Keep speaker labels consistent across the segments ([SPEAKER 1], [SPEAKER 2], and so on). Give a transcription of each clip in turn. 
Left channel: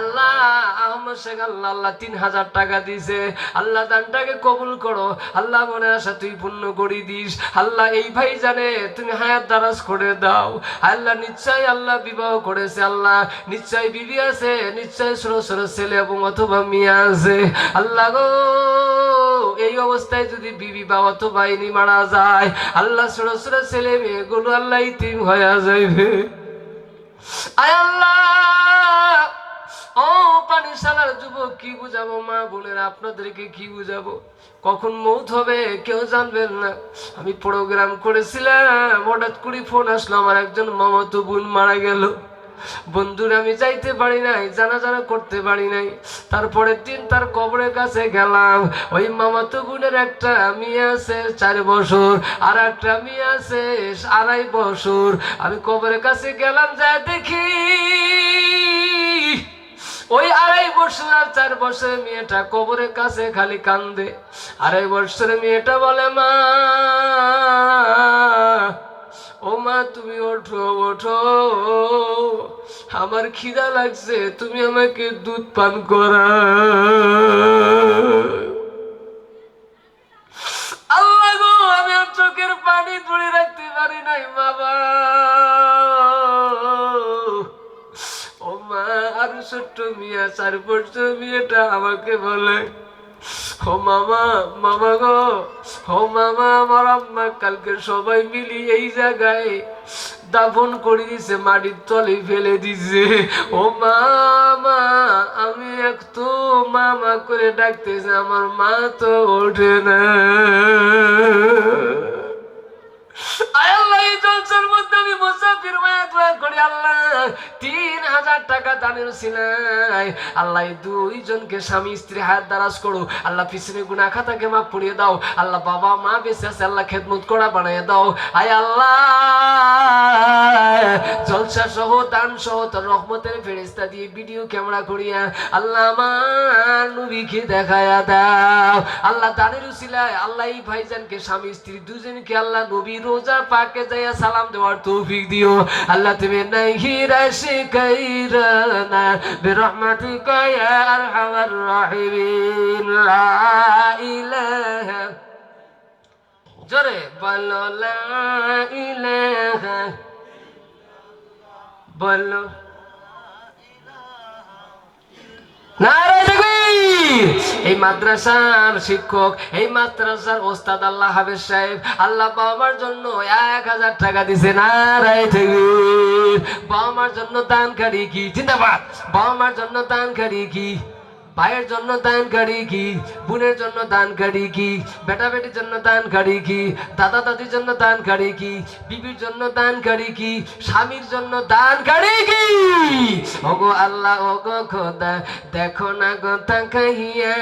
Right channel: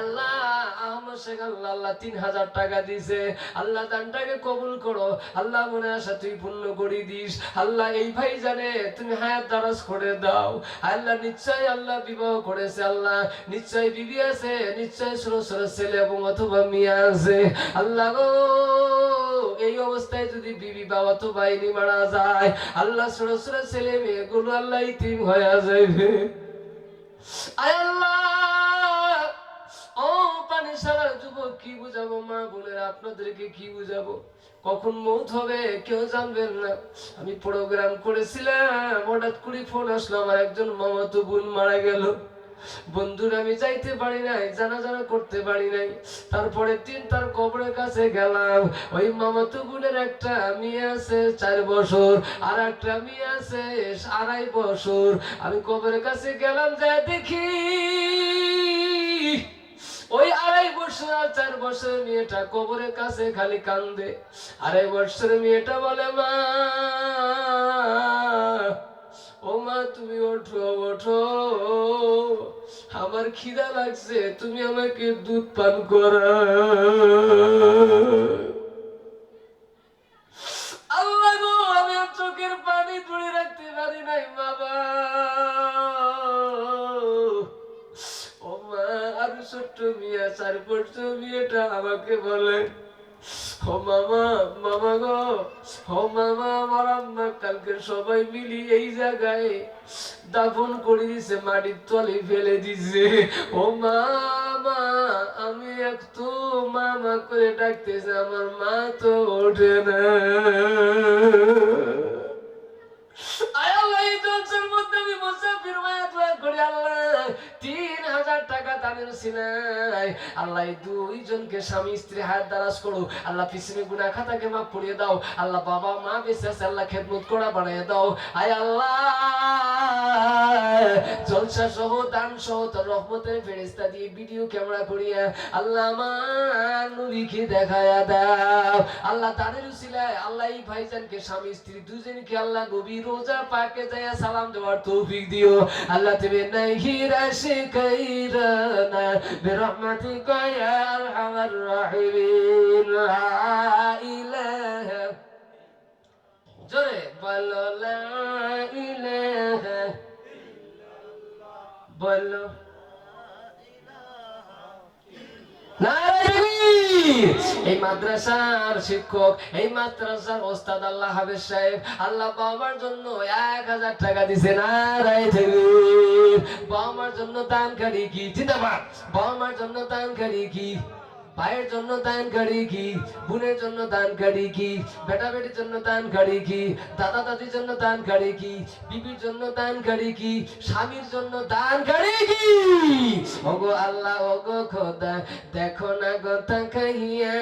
[SPEAKER 1] আল্লাহ, আহমদ শেখ আল্লাহ আল্লাহ তিন হাজার টাকা দিছে আল্লাহ দানটাকে কবুল করো। আল্লাহ মনে আসা তুই পূর্ণ করে দিস। আল্লাহ এই ভাই জানে, তুমি হায়াত দারাজ করে দাও। আল্লাহ নিশ্চয় আল্লাহ বিবাহ করেছে। আল্লাহ নিশ্চয় বিবি আছে নিশ্চয় ছেলে এবং অথবা মেয়ে আছে। আল্লাহ গো, এই অবস্থায় যদি বিবি বা অথবা ইনি মারা যায়, আল্লাহ ছোট ছোট ছেলে মেয়েগুলো আল্লাহ ইতিম হয়ে যাইবে। আয় আল্লাহ পানিশালার যুবক কি বুঝাবো, মা বোনেরা আপনাদেরকে কি বুঝাবো? কখন মৌত হবে কেউ জানবেন না। আমি প্রোগ্রাম করেছিলাম, হঠাৎ করে ফোন আসলো, আমার একজন মামাতো বোন মারা গেল। বন্ধুরা, আমি যাইতে পারি নাই জানা জানা করতে পারি নাই। তারপরে দিন তার কবরের কাছে গেলাম। ওই মামাতো বোনের একটা মেয়ে আছে, চার বছর, আর একটা মেয়ে আছে, আড়াই বছর। আমি কবরের কাছে গেলাম যা দেখি ওই আড়াই বছর আর চার বছরের মেয়েটা কবরের কাছে খালি কান্দে। আড়াই বছরের মেয়েটা বলে, মা, ও মা, তুমি ওঠো ওঠো। আমার খিদা লাগছে, তুমি আমাকে দুধ পান করা। আল্লাহ আমি চোখের পানি ধরে রাখতে পারি নাই, বাবা। ছোট্ট মিয়া মেয়েটা আমাকে বলে। মামা মামা গো মামা আমার আম্মা কালকে সবাই মিলি এই জায়গায় দাফন করে দিছে মাটির তলে ফেলে দিছে। ও মামা আমি একটু মামা করে ডাকতেছে আমার মা তো ওঠে না। আল্লাহ, এই জলসার মধ্যে আমি মুসাফির দোয়া করি আল্লাহ। তিন হাজার টাকা আল্লাহ দুইজনকে স্বামী স্ত্রী করো। আল্লাহ পিছনে গুনা খাতাকে মাফ পড়িয়ে দাও। আল্লাহ বাবা মা বেঁচে আছে, আল্লাহ খেদমত করা দাও। আয় আল্লাহ! জলসা সহ দান সহ তোর রহমতের ফেরেস্তা দিয়ে ভিডিও ক্যামেরা করিয়া আল্লাহ আমার নবীকে দেখায়া দাও। আল্লাহ দানের উসিলায় আল্লাহ এই ভাইজানকে, স্বামী স্ত্রী দুজনকে আল্লাহ নবী রোজা পাকে যাইয়া সালাম দেওয়ার তৌফিক দিও। আল্লাহ তুমি নাহি রাশি কাইরানা বিরহমাতিকা ইয়া আরহামার রাহিমিন লা ইলাহা জোরে বলো লা ইলাহা বলো এই মাদ্রাসার শিক্ষক, এই মাদ্রাসার ওস্তাদ আল্লাহ হাফেজ সাহেব, আল্লাহ বাবার জন্য এক হাজার টাকা দিছে নারায় বাবা মার জন্য দানকারী কি? জিন্দাবাদ। মার জন্য দানকারী কি? ভাইয়ের জন্য দানকারী কি বোনের জন্য দানকারী কি বেটা বেটির জন্য দানকারী কি দাদা দাদির জন্য দানকারী কি বিবির জন্য দানকারী কি স্বামীর জন্য দানকারী কি ওগো আল্লাহ ওগো খোদা দেখো না গো তাকাইয়া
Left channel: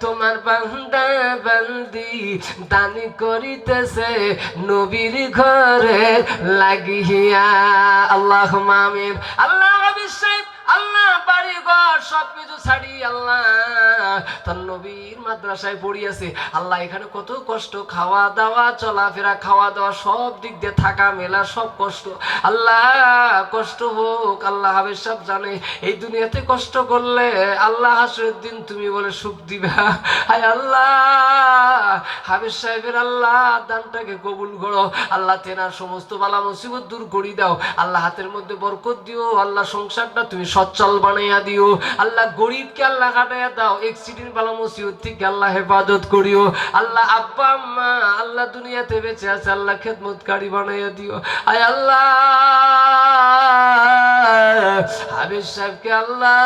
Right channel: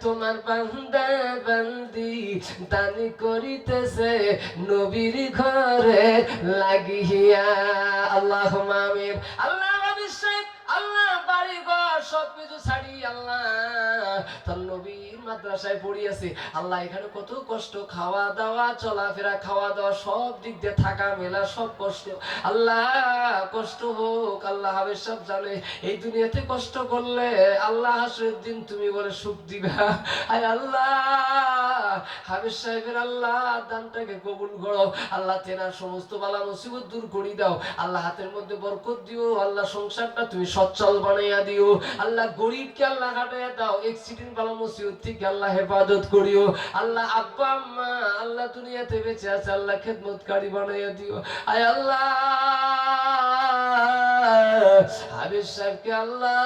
[SPEAKER 1] তোমার বান্দা বান্দি দানি করিতেছে নবীর ঘরে লাগিয়া আল্লাহ মামিন আল্লাহ ঘর সবকিছু ছাড়ি আল্লাহ তার নবীর মাদ্রাসায় আল্লাহ এখানে কত কষ্ট খাওয়া দাওয়া চলাফেরা খাওয়া দাওয়া সব দিক দিয়ে থাকা, মেলা, সব কষ্ট। আল্লাহ, কষ্ট হোক, আল্লাহ সব জানে। এই দুনিয়াতে কষ্ট করলে আল্লাহ দিন তুমি বলে সুখ দিবা। হায় আল্লাহ সাহেবের আল্লাহ, দানটাকে কবুল করো। আল্লাহ তেনার সমস্ত বালা মুসিবত দূর করি দাও। আল্লাহ হাতের মধ্যে বরকত দিও। আল্লাহ সংসারটা তুমি সচ্ছল বানাইয়া দিও। আল্লাহ গরিবকে আল্লাহ কাটাইয়া দাও। এক্সিডেন্ট বালা মুসিবত থেকে আল্লাহ হেফাজত করিও। আল্লাহ আব্বা, আম্মা, আল্লাহ দুনিয়াতে বেঁচে আছে, আল্লাহ খেদমতকারী বানাইয়া দিও। আয় আল্লাহ। হাবিজ সাহেবকে আল্লাহ,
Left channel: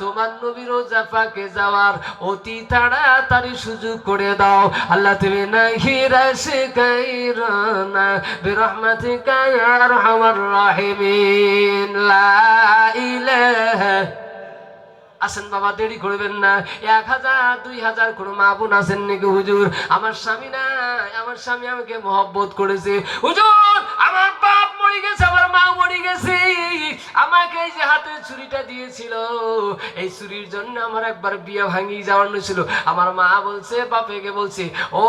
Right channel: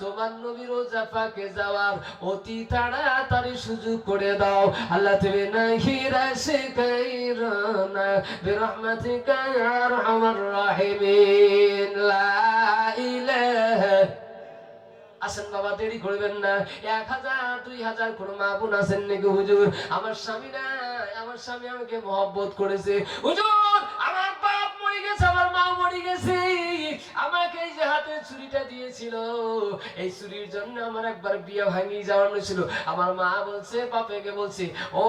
[SPEAKER 1] তোমার নবী রোজা পাকে যাওয়ার অতি তাড়াতাড়ি সুযোগ করে দাও। আল্লাহ তুমি নাহি রাশি কাইরানা বিরহমাতিকা ইয়া আরহামার রাহিমিন। লা ইলাহা আসেন বাবা, দেরি করবেন না। এক হাজার, দুই হাজার কোনো মা বোন আছেন নাকি হুজুর? আমার স্বামী না আমার স্বামী আমাকে মহব্বত করেছে। হুজুর, আমার বাপ মরে গেছে মরে গেছে। আমাকে যে হাতে ছুরিটা দিয়েছিল, এই ছুরির জন্য আমার একবার বিয়ে ভাঙি ছিল। আমার মা বলছে, বাপেকে বলছে, ও,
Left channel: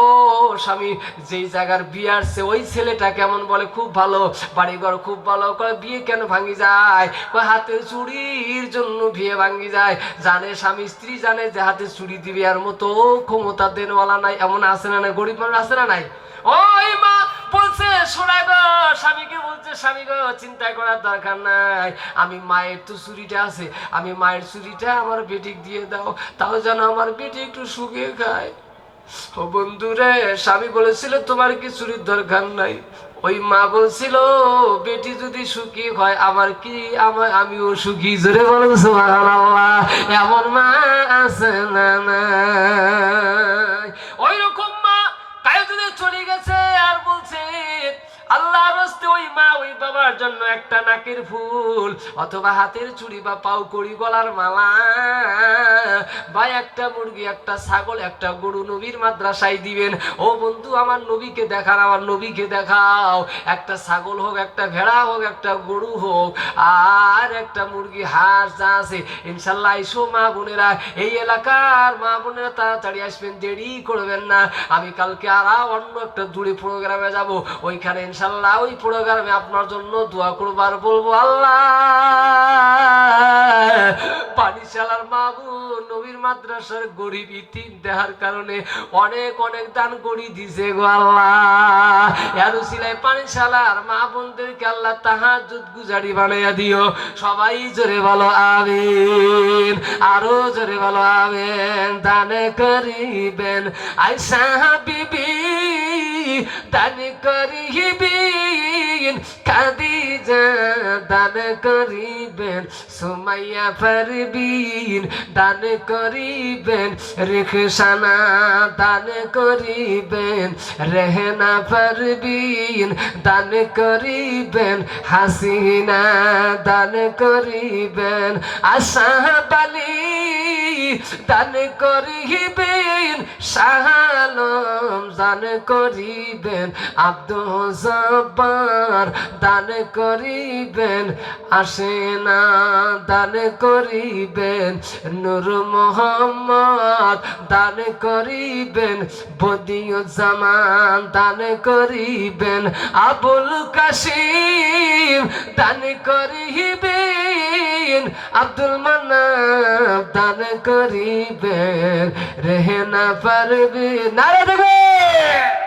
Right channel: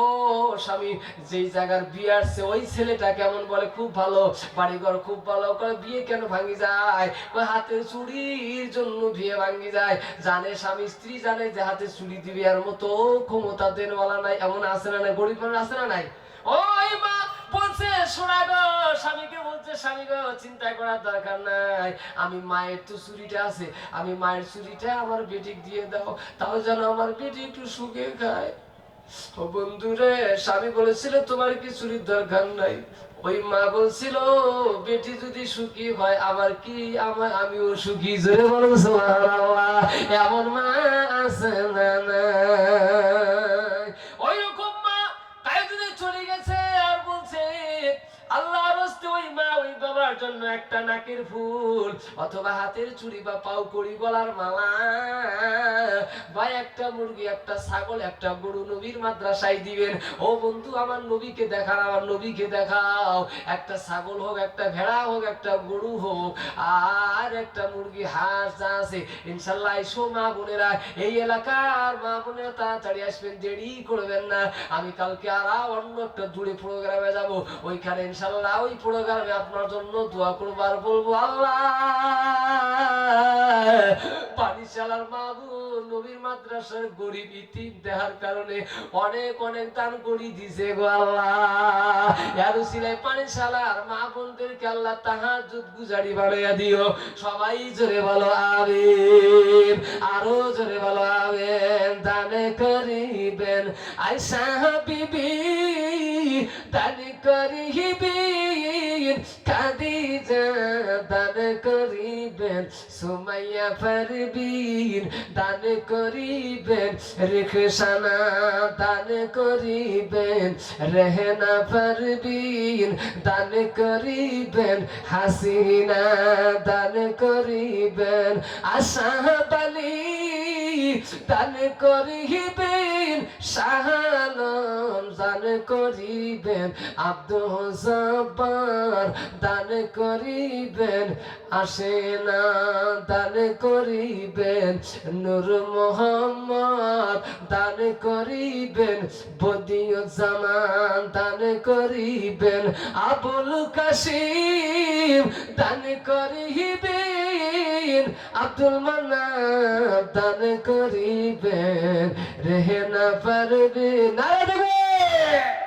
[SPEAKER 1] স্বামী, যেই জায়গার বিয়ে আসছে, ওই ছেলেটা কেমন বলে? খুব ভালো, বাড়িঘর খুব ভালো। করে বিয়ে কেন ভাঙি যায়? কয়, হাতে চুরির জন্য বিয়ে ভাঙি যায়। জানে স্বামী, স্ত্রী জানে যে হাতে চুরি দিবে, আর মতো ক্ষমতা দেনওয়ালা নাই, এমন আছে না নাই? গরিব মানুষ আছে না নাই? ওই মা বলছে, স্বামী আমার বেটিক দিয়ে দাও। তাও যেন আমার বেটি একটু সুখে খায়। ও বন্ধুরে, স্বামী বলেছিল, তোমার কি চুরির দরকার নাই? ওই মা বলছিল, বেটি যদি সুখী হয়, আমার কি, আমার, আমিও সুখী। জোরে বলো, সুবহানাল্লাহ। এমন মা আছে না নাই? বাবার জন্য একটা নাকের ফুল, অথবা হাতের চুড়ি বা পাও কড়ি গলার মালা, বা একটা মুরগি, একটা ছাগল, একটা গরু নবীর মাদ্রাসায় দিবেন। ও বন্ধু, আমার নবীকে দেখান, আমার নবীকে দেখাও। একটা ছাগল হোক, একটা ভেড়া হোক, একটা গরু হোক, আর একটা মুরগি হাঁস যা আছে, ইনশাল্লাহ এসো মা বোনেরা, এই এলাকার মা বোনেরা তাড়াতাড়ি আসবেন, দেরি করবেন না। আমি কালকে আর অন্য একটা দূরে প্রোগ্রামে যাব। ওইখানে ইনশাল্লাহ ওই প্রোগ্রামে আপনার জন্য দোয়া করবার বলব আল্লাহ। পানিশালার মাবু নবীর মাদ্রাসার গরিব ইতিম দেহার কারণে অনেক অনেক দান করি দিছে গো আল্লাহ। এরও সিলাই পানিশালার মা বোনদেরকে আল্লাহ তাহাজ্জুদ গুজারি বানাইয়া দিও। সবাই জোরে বলো আমিন, আরও জোরে বলো আমিন। দান করিবেন আয়সা বিবি দান করিবেন খাদিজা দান করিবেন, সুমাইয়া পারবিন দান করিবেন রেখসানা দান করিবেন, রেহনা পারবিন দান করিবেন, হাসিনা দান করিবেন, আশা বালি দান করিবেন শাহালম দান করিবেন, আব্দুল দান করিবেন আসেনা দান করিবেন, নূর মোহাম্মদ দান করিবেন, বদিউজ্জামান দান করিবেন, আবুল কাশিম দান করিবেন, আব্দুল মান্নাব দান করিবেন রেহেনা পারবি। নারে সোনাউল্লাহ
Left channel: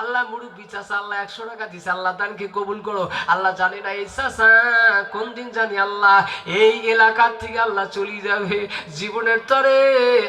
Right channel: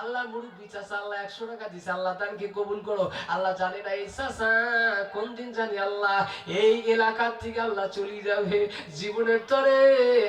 [SPEAKER 1] আল্লাহ মুরব্বি চাচা, আল্লাহ একশো টাকা দিছে, আল্লাহ দানকে কবুল করো। আল্লাহ জানে না, এই চাচা কোন দিন জানি আল্লাহ এই এলাকার থেকে আল্লাহ চলে যাবে। জীবনের তরে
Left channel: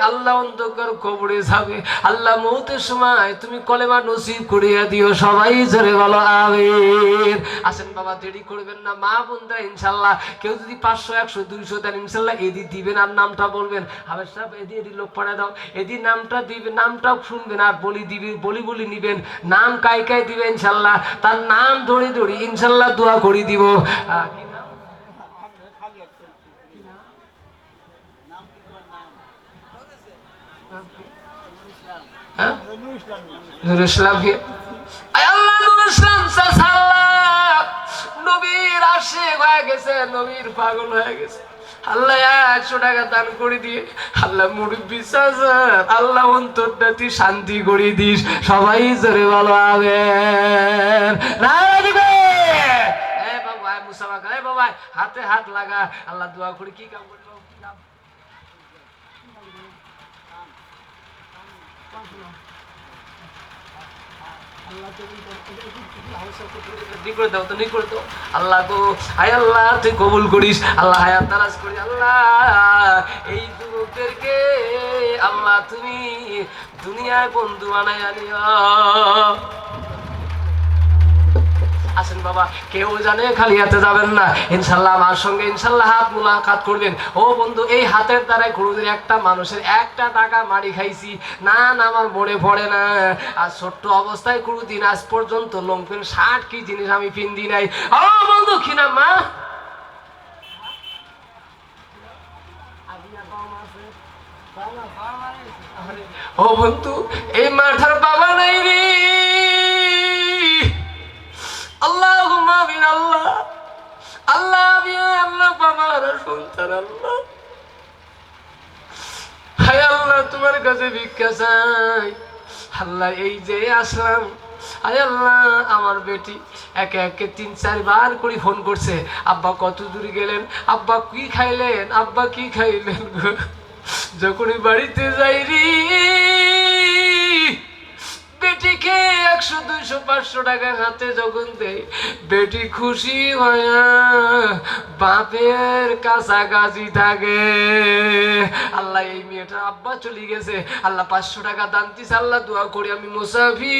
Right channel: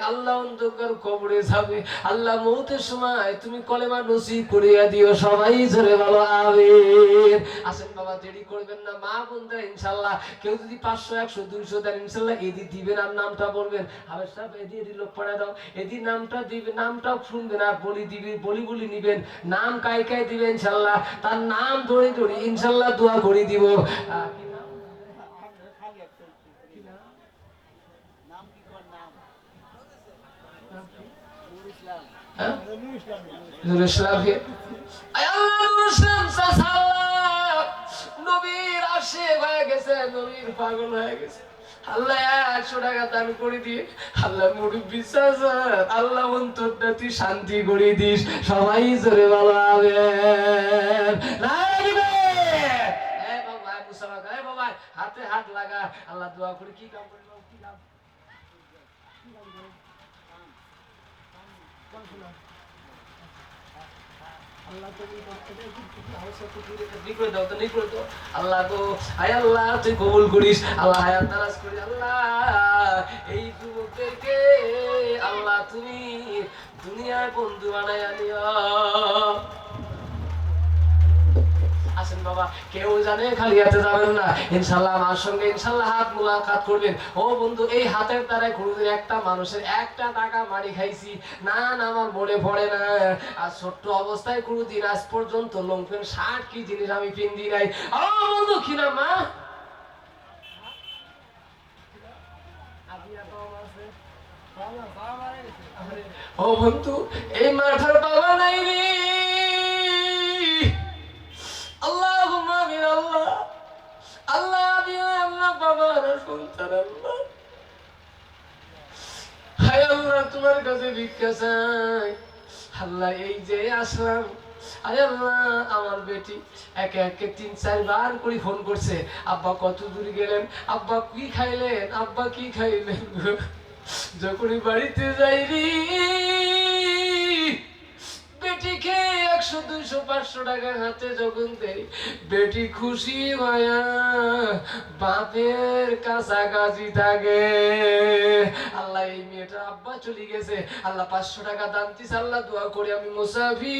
[SPEAKER 1] আল্লাহ অন্ধকার কবরে যাবে। আল্লাহ মৌতের সময় তুমি কলেমা নসিব করিয়া দিও, সবাই জোরে বলো, আমিন। আসেন বাবা, দেরি করবেন না, মা বোনরা ইনশাল্লাহ কেউ যদি পাঁচশো, একশো, দুইশো দেন ইনশাল্লাহ এদি দিবেন আর নামটা বলবেন। হাবের সাহেব এদি এদি লোক পাঠায় দাও এদি নামটা দিবেন, নামটাও শুনবেন আর বলি দিবেন বলি বলি নিবেন। নাম কাই কাই দিবেন ইনশাল্লাহ? তার নাম ধরে ধরে ইনশাল্লাহ দোয়া করে দিব? হ্যাঁ? নবীর আশেক হয়ে গেছে, নবীর পাগল হয়ে গেছে। আল্লাহ একশো টাকা দান করে দিয়ে, আল্লাহ মুরব্বী আল্লাহ অন্তরটা শান্তি করে দিস। সবাই জোরে ভালো বাবা হাতে হাত লাগা। আল্লাহ দোয়া করে কি কাম করব, কি কাম নি করে দাও তো নি করে দাও আল্লাহ গো, হায় আল্লাহ, তুই কবুল করিস। আল্লাহ হায়াত তালাশ করি, আল্লাহ। এই যুবকদেরকে, আল্লাহ তুমি দুনিয়ায় বন্ধু বানাই আনিও। আসেন বাবা, কেউ জানে খালি হাতে যাবেন না। ইনশাল্লাহ আমার সঙ্গে ইনশাল্লাহ হাত মুলাকাত করবেন। ও বন্ধু, এই হাতের দ্বারাই কোনোদিন একটা মানুষের একটা টাকা মারি খাইছি। না না, আমার মনে পড়ে না। আর ছোট্ট অবস্থায় কোনোদিন আজ পর্যন্ত লঙ্কেন ষাট কি জিনিস আমি পিন্দি নাই। ও বন্ধু, কি নাম, মা? ও বন্ধু, এই মাঠার বাবা নাই রে। আল্লাহ আল্লাহ। আল্লাহ, আমি আল্লাহ সন্তান, আল্লাহ। হায় আল্লাহ, তোমার কাছে ভিক্ষা চাই। আল্লাহ, এই যে আসলাম। আল্লাহ, আমার বেটি একে একে তিন চারবার করে ফোন করছে, আব্বা, কত দূর গেলেন? আব্বা, কি খাইলেন? আব্বা, কি খাইলেন যখনই বাড়িতে যাই রে বেটিকে একশো, দুইশো, পাঁচশো টাকা হাতে যখন দেয় বেটি খুশি বাপের কাছাকাছি থাকে। আল্লাহ, এই মেয়েটা আব্বা চলে গেছে। আল্লাহ, পাঁচশো টাকা দান দিস আল্লাহ, দোয়া করি আমি মুসাফির।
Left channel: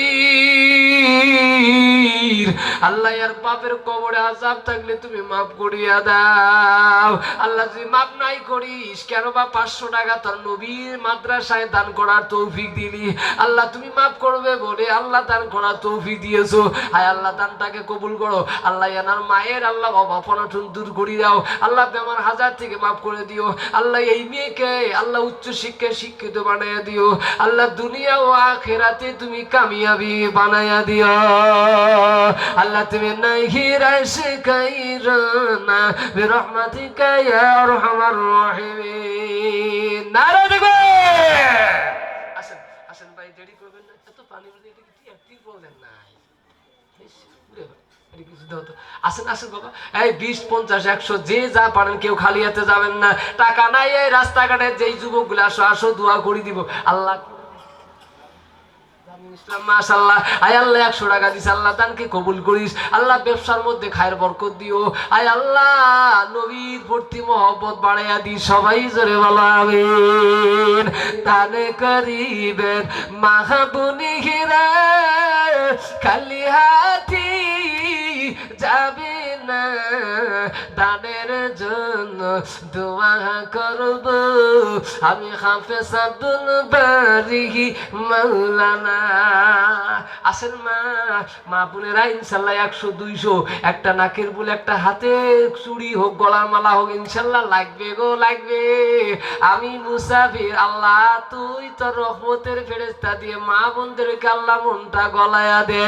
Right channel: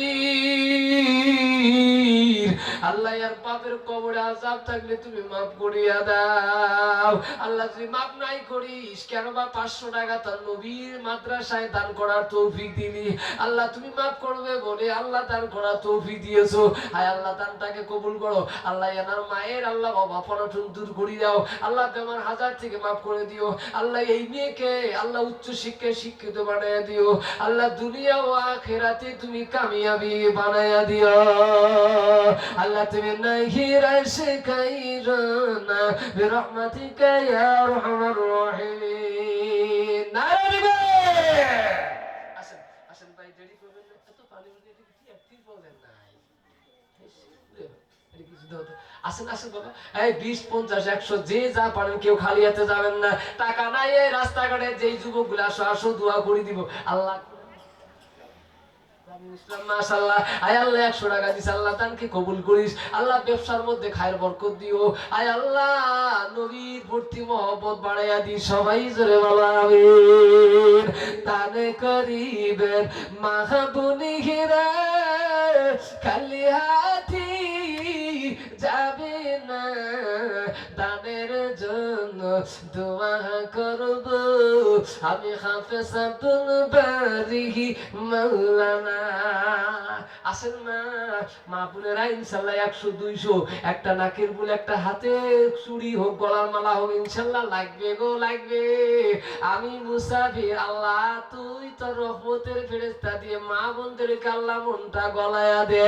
[SPEAKER 1] আল্লাহ, আর বাপের কবরে আজাব থাকলে তুমি মাফ করিয়া দাও। আল্লাহ, যদি মাফ নাই করিস, কেন বা পাঁচশো টাকা তোর নবীর মাদ্রাসায় দান করার তৌফিক দিলি? আল্লাহ, তুমি মাফ করবে বলে আল্লাহ দান করার তৌফিক দিয়েছ। হায় আল্লাহ, দানটাকে কবুল করো। আল্লাহ এনার মায়ের, আল্লাহ অভাব অনটন দূর করে দাও। আল্লাহ বেমার হাজার থেকে মাফ করে দিও। আল্লাহ এই মেয়েকে, আল্লাহ উচ্চ শিক্ষায় শিক্ষিত বানাইয়া দিও। আল্লাহ দুনিয়া ও আখেরাতে তুমি কামিয়াবি বানাইয়া দিও। আল্লাহ তুমি নাই হিরায় শিখাইরানা বিরহমাতিকা ইয়া আরহামার রাহিমিন। নারা দেখবে আসেন আসেন ভাই দেরি করবেন না এত পানি মধ্যে এটা কি একটি বলেন নাই ইস, উরে বাবা, এটা কিছু দাও তো। আসেন আসেন বাবা। এই বিশ, পঞ্চাশ, একশো, যে যা পারেন, কেউ খালি হাতে যাবেন না। টাকা নাই এই রাস্তাঘাটে, যেই যুবকগুলো আসো আসো, দোয়া করে দিব। আল্লাহ মাহাবুনি হিরা খালি হাতি। যাবে না? দানের জন্য দোয়া করব। আমি হাফেজ আব্দুল বারিহি মাওলানা। আসেন মা মা বোনেরা ইনশাল্লাহ একশো দুইশো, একটা নাকের বুল, একটা হাতে চুড়ি হোক, গলার মালা হোক, ইনশাল্লাহ লাগবে গো, লাগবে। আমি মুসাফির, আল্লাহ তুই তোর রহমতের ফেরেস্তা দিয়ে মা বোনদেরকে আল্লাহ মনটা গলায়া দে!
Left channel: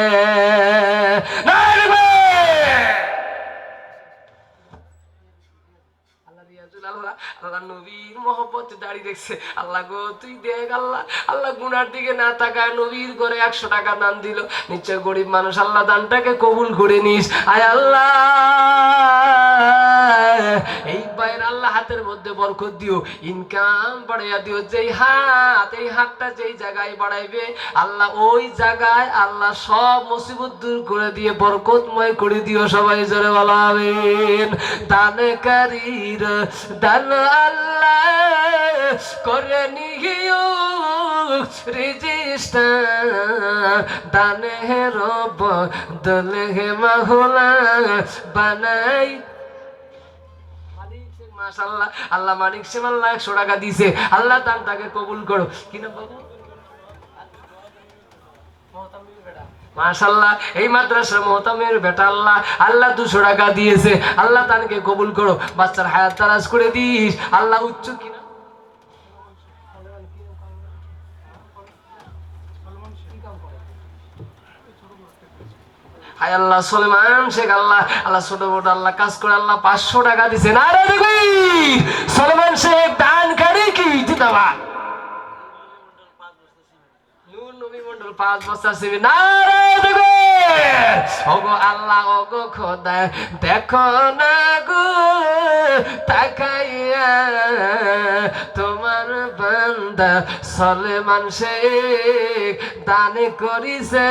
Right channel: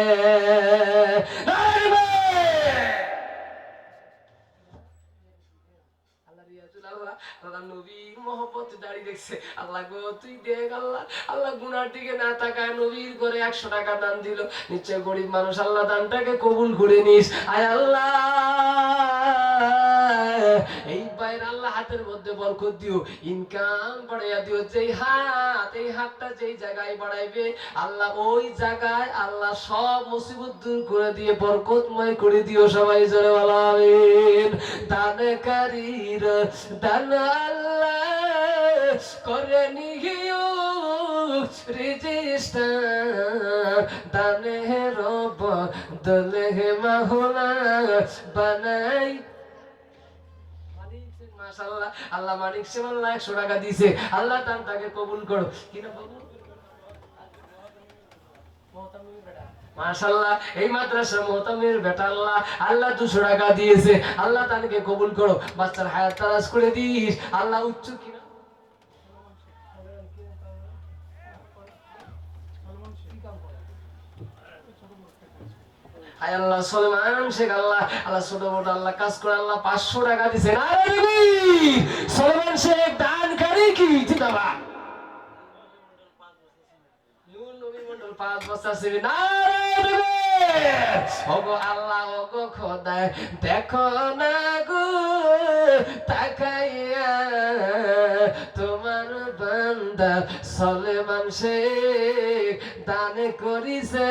[SPEAKER 1] আল্লাহ নবীর মহব্বত দাঁড়িয়ে দেখছে। আল্লাহ গো, তুই দেখ আল্লাহ আল্লাহ গুনার দিকে না তাকায় নবীর করে একশো টাকা দান দিল। নিশ্চয় গরিব মানুষ, আল্লাহ দানটাকে কবুল করে নিস। আয় আল্লাহ, এই বাইর আল্লাহ হাতের মধ্যে বরকত দিও, ইনকাম বাড়াইয়া দিও, যেই হাত, এই হাতটা যেই জায়গায় বাড়াইবে, আল্লাহ ওই জায়গায় আল্লাহ সব মুসিবত দূর করে দিয়ে বরকতময় করে দিও সবাই জোরে বলাবেন দানে কারির দান আল্লাহ করে নিও, রেজিস্টার দানে রব, দলে হে মাহুলা বানাই আল্লাহ মানিক টাকা আল্লাহ তাকে কবুল করো। কিনা বাবু? মাশাল্লাহ এই মাদ্রাসা মোহতামের বেটা আল্লাহ। আল্লাহ দুশো টাকা দিয়েছে। আল্লাহ তাকে কবুল করো। বাচ্চার হায়াত তারাজ করে দিস। আল্লাহ উচ্চ কিনা হায় আল্লাহ সলমান, শেখ আল্লাহ আল্লাহ ছোট বড় আল্লাহ কাজ করে আল্লাহ পাঁচশো টাকা দিছে। না রে দেখবি সলমান শেখ, দান কারি কি? মণ্ডল পাঁচ বছর সেবি। না ওগো আল্লাহ, ওগো খোদা দেখো না গো, তাকাইয়া বান্দা সলেমান শেখ দানে করিছে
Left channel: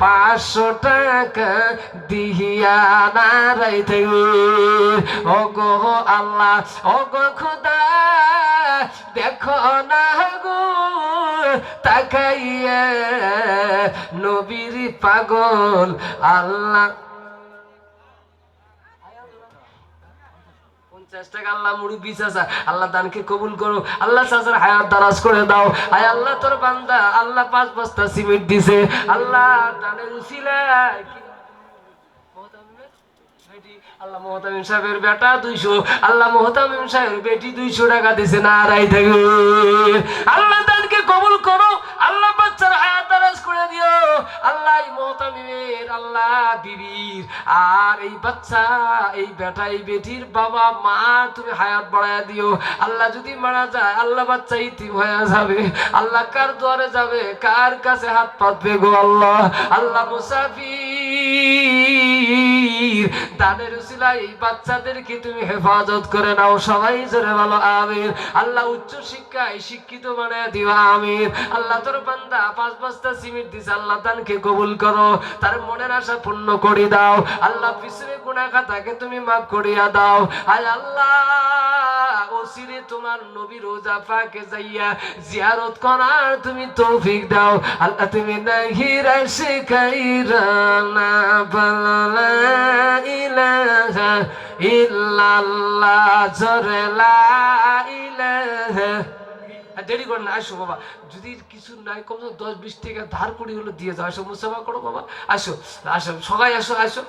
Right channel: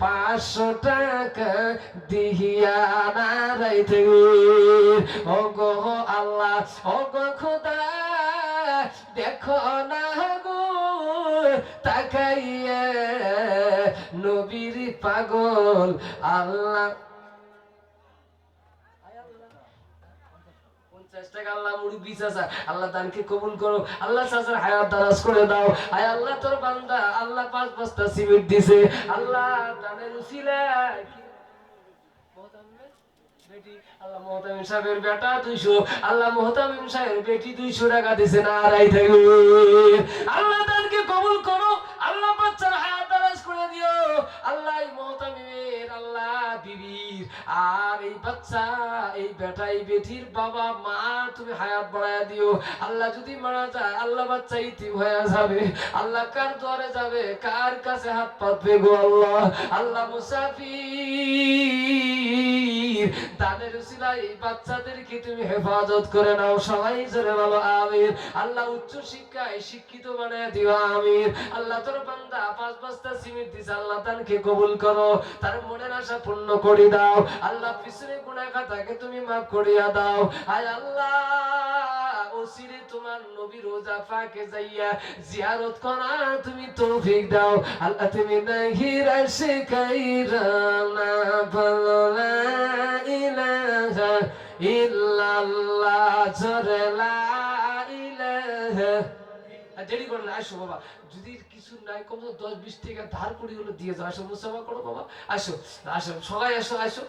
[SPEAKER 1] পাঁচশো টাকা দিহিয়া নারাইতে ওগো আল্লাহ, ওগো খোদা, দেখো না গো, তাকাইয়া নবীর পাগল আল্লাহ। আল্লাহ মুরব্বী চাচা আল্লাহ কবুল করো। আল্লাহ চাচার হায়াত দারাজ করে দাও। আয় আল্লাহ তোর বান্দা, আল্লাহ পাঁচ বস্তা সিমেন্ট দিছে। আল্লাহ আল্লাহ মোহতামিম সাহেবের বেটা দুইশো। আল্লাহ মোহতামিম সাহেবের বেটি দুইশো টাকা দিছে। না আড়াই থাকবে। আল্লাহ দানকে কবুল করো। আল্লাহ মহতামিমের আল্লাহ বিবির আর এই বাচ্চা, এই বেটা এই বেটির বাবা, মা, তুমি হায়াত বাড়ায় দিও। আল্লাহ যদি মারা যায়, আল্লাহ বাচ্চা ইতিম হয়ে যাবে। আল্লাহ কার দোয়ারে যাবে, কার কাছে হাত পাতবে গো আল্লাহ? আল্লাহ মুসাফির, তাদের এই বাচ্চাদেরকে তুমি হেফাজত করে নাও। সবাই জোরে বলো আমির আল্লাহ উচ্চ শিক্ষায় শিক্ষিত বানায় দিও আমির আল্লাহ তোর বান্দা পাঁচ বস্তা সিমিট দিস আল্লাহ তানকে কবুল করো। তার মনের আশা পূর্ণ করে দাও। আল্লাহ পিছনে গুণাখা তাকে তুমি মাফ করিয়া দাও। আয় আল্লাহ! তোমার নবী রোজা যাইয়া জিয়ারত করার তুমি তৌফিক দাও। আল্লাহ তুমি না ইলাহা ইল্লাল্লাহ ইলাহা। দেরি করে না, আসো বাবা। যদি কিছু নাই কম দশ বিশ টাকা ধার করি হলো দিয়ে যাও। আসো, মুসাফা করো বাবা। আসো আসো, সবাই আসো আসো।